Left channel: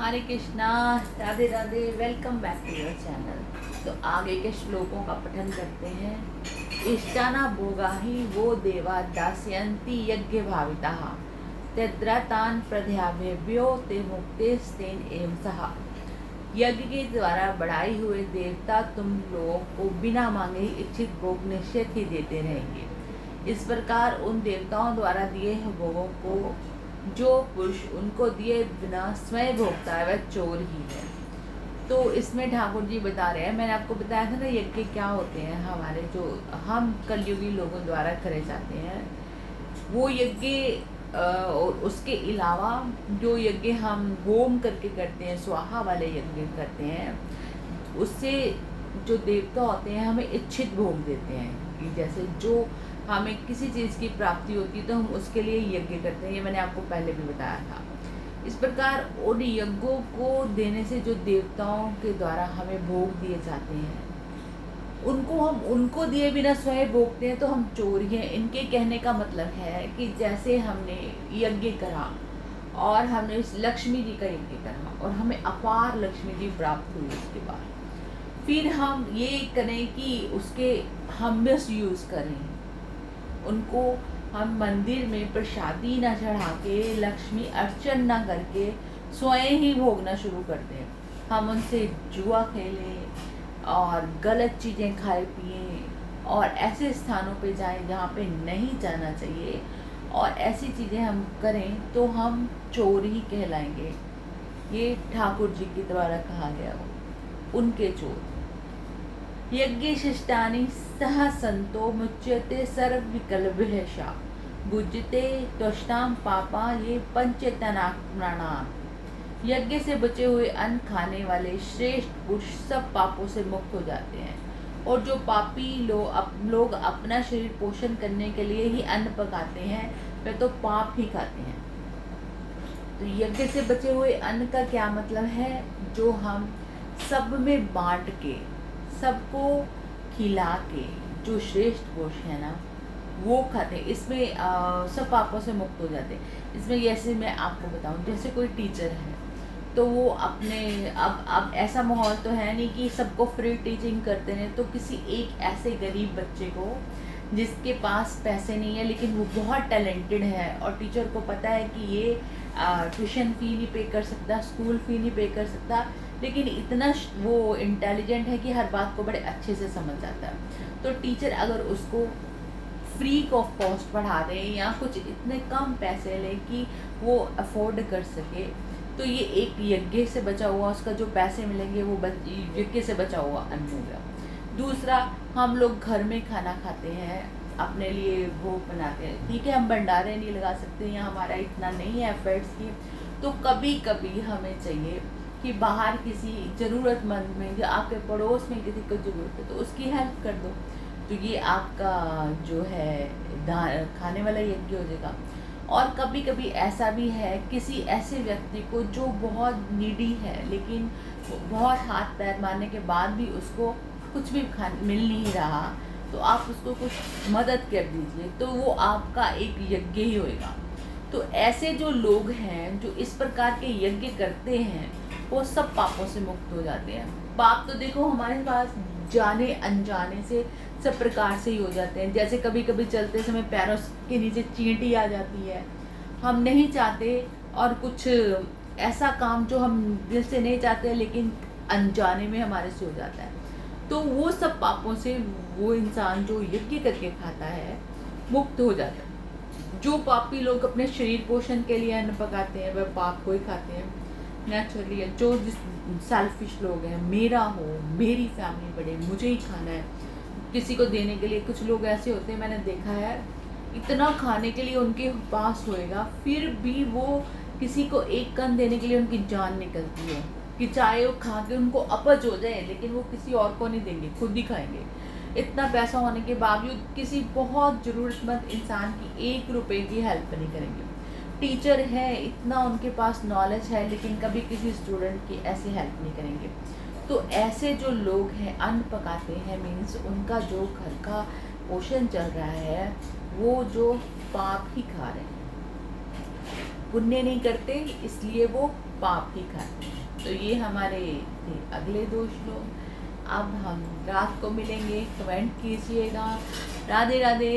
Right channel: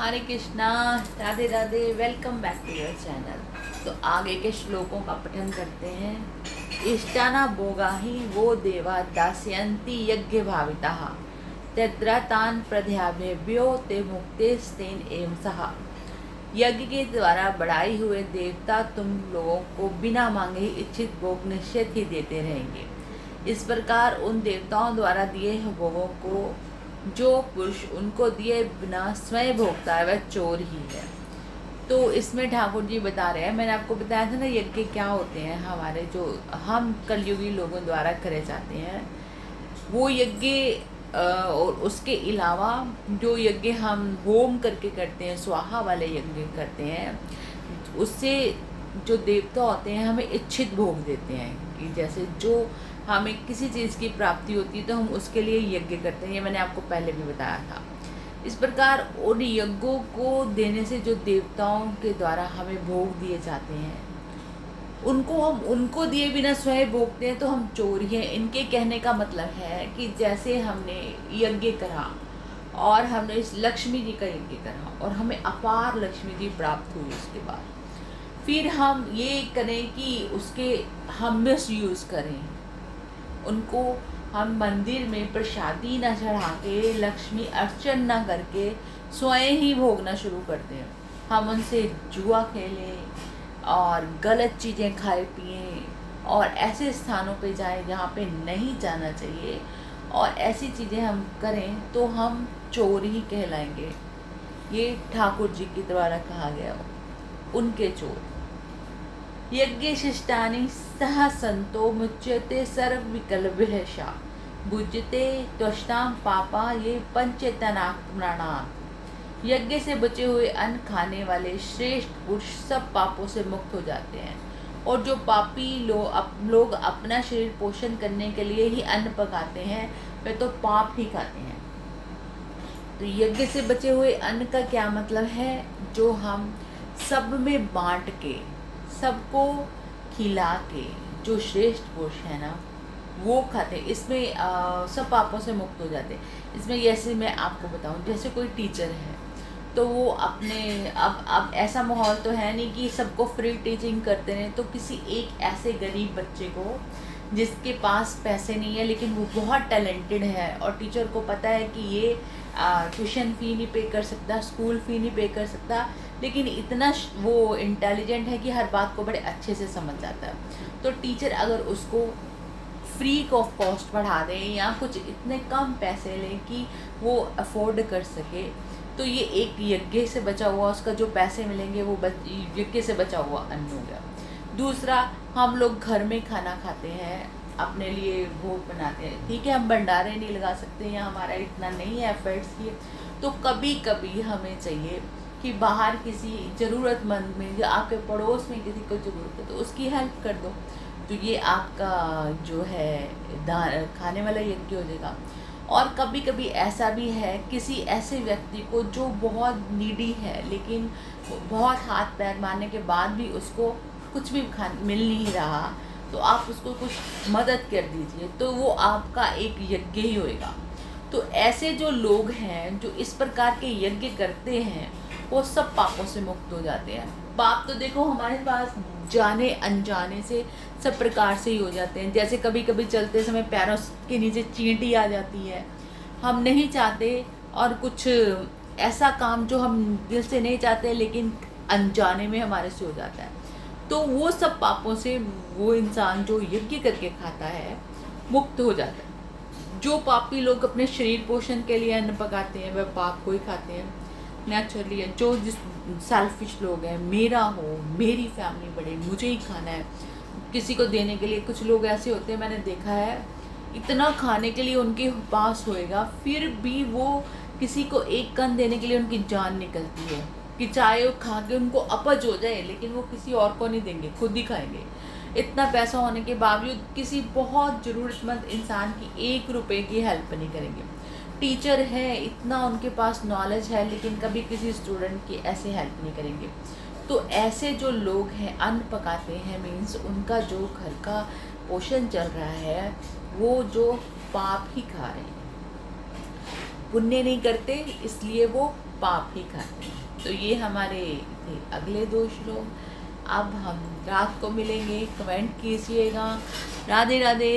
Hare Krishna, Radhe Radhe. Welcome back to your channel. तो आगे के श्लोकों का पठन करते हैं। इष्टाना भोगाहि वो देवा दास्यन्ति यज्ञ भाविताः तद्रतान् प्रद्याभ्यो ते मुक्तेस्तेन एव सः। यज्ञ के द्वारा बढ़ाई हुए देवता तुम लोगों को बिना मांगे ही इच्छित भोग निश्चित ही देते रहेंगे। इस प्रकार उन देवताओं द्वारा दिए हुए भोगों को जो पुरुष उनको दिए बिना स्वयं भोगता है वह चोर ही है। तो इसमें ठाकुर जी बता रहे हैं, मैंने आपको बताया था ना यज्ञ क्या होते हैं, हमारे जो हम कलयुगी लोगों द्वारा करे जाते हैं वो यज्ञ। और उसके अलावा जो यज्ञ हम होम करके करते हैं, स्वाहा वाले यज्ञ करते हैं, उससे जो देवता होते हैं हमें इच्छित भोग देते हैं। कि जैसे जो हमें किसी चीज़ की प्राप्ति होती है तो हम उसके लिए यज्ञ करते हैं, ये मैंने आपको पहले भी बताया था। इस प्रकार उन यज्ञों को देने से जो देवताओं के द्वारा हमें भोग दिए जाते हैं उनको हम उनको दिए बिना स्वयं भोगते हैं तो हम चोर ही हैं। इनके कहने का मतलब है कि जैसे हमने यज्ञ करा और हमने इस लक्ष्मी जी का यज्ञ करा और हमें अपार लक्ष्मी जी प्राप्त हुई, उसके बाद फिर हम ये करें कि उसके हम मिस यूज़ करें, उनको हम मंदिर में प्रसादी न चढ़ा के लक्ष्मी अर्चन न करके स्वयं ही भोगना शुरू करते हैं। हम उनसे जुआ खेलें और गलत चीज़ें खाए पिए और ऐसे स्थानों पे जाएं जहाँ पे नहीं जाना चाहिए और ऐसी चीज़ें हम करें तो हम चोर ही कहलाएंगे। ये ठाकुर जी के द्वारा कहा गया, उनके चोर। यज्ञ शिष्टानि सह संतो मुच्यते सर्व विकल्भ्यशा भुजते त्वष्टाम पापा ये पंचतनाप्राणान। यज्ञ से बचे हुए अन्न खाने वाले श्रेष्ठ पुरुष सब पापों से मुक्त हो जाते हैं और जो पापी लोग अपना शरीर पोषण करने के लिए ही अन्न पकाते हैं वे तो पाप ही खाते हैं। तो यज्ञ से बचे हुए अन्न का क्या मतलब है? जो हम सब में बांट के सबको खिला के जो श्रेष्ठ पुरुष है ना वो खाते हैं, इसमें सब पापों से मुक्त हो जाते हैं। इसमें जैसे मैं आपको बताऊं, जैसे कोई टीचर है तो वो अपने अब ऐसा माहौल तो है नहीं कि सबको फ्री टीचिंग करते हैं, तो किसी एक ऐसे गरीब बच्चे को जिसके पास पैसे नहीं है लेकिन वो बहुत टैलेंटेड है और टीचर को पता है कि ये ट्यूशन फ़ी नहीं पे कर सकता, स्कूल फ़ी नहीं पे कर सकता, लेकिन इतना वो इंटेलिजेंट है कि हर बात को बड़े अच्छे से समझ जाता है। तो टीचर अगर उसको फ्री ऑफ कॉस्ट पढ़ा दें या कुछ इतने कम पैसे लें कि वो अफोर्ड कर सके, तो ये एक यज्ञ से बचा हुआ उसका जो पैसे मिलेंगे वो यज्ञ से बचा हुआ अन्न हो गया। दूसरा, हम लोग घर में खाना खाते हैं, अपने लिए भोग बनाते हैं, ठीक है, हम भंडारे नहीं लगा सकते या हमारा इतना नहीं है एफर्ट्स की, तो कभी कभी हमें चाहिए कि बाहर किसी ज़रूरतमंद में या आपके पड़ोस में किसी को ज़रूरत है तो उसकी हेल्प कर दो। तो ये आपका जो है खाने वाला यज्ञ हो जाएगा। और कभी कभी ऐसा भी है किसी ऐसे व्यक्ति को जो बहुत नीडी है लेकिन बहुत हाथ पैर मारने के बाद भी उसको कुछ भी मिल नहीं रहा, तो आप उसको कुछ मदद कर दीजिए, तो वो आपका एक यज्ञ ही होएगा। तो ऐसे जो लोग हैं जो इस प्रकार के यज्ञ करते हैं वो सब पापों से मुक्त हो जाते हैं। पाप तो देखो हमारे पास जाने अनजाने से सब प्रकार से ही हो जाते हैं। जैसे कभी कभी चलते समय पैरों के नीचे चींटी आ जाती है, हम नहीं चाहते, और कुछ ऐसा काम जो हम दिल से नहीं चाहते लेकिन अनजाने में हमारे से हो जाता है, तो वो सब पापों से वो इंसान जो यज्ञ करके खाता है मुक्त हो जाता है। जो पापी लोग अपने शरीर पोषण के लिए अन्न पकाते हैं वह पाप को ही खाते हैं नेचुरली है। जो जिस सेल्फिश लोग हैं, मेरा हो, मेरी फैमिली बढ़े, मुझे ही खाना है, किसी को देने के लिए, कुछ लोग ऐसे होते हैं मैंने देखा है इतना खाने के लिए उनके पास होएगा फिर भी वो किसी को एक कन देने के लिए उनकी जान निकलती है कि चाहे वो खा के उनको अपच हो जाए लेकिन वो किसी और को नहीं देंगे, खुद ही खाएंगे। इतना पैसा होने के बावजूद किसी बहुत ज़रूरतमंद इंसान की 1 रुपए की हेल्प नहीं करेंगे। टीचर है, इतना उनके पास नॉलेज है लेकिन कभी किसी स्टूडेंट की ऐसी हेल्प नहीं करेंगे। तो ऐसे जो लोग हैं अन्न पकाते हैं, मीन्स उनका जो घर का पोषण चल रहा है वो जो पाप ही खा रहे हैं, पुण्य नहीं करते, इसलिए वो पाप ही खाते हैं। तो ये हमारे थे अगले 2 श्लोक। अब हम रात को मिलेंगे, कमेंट कीजिएगा। राधे राधे।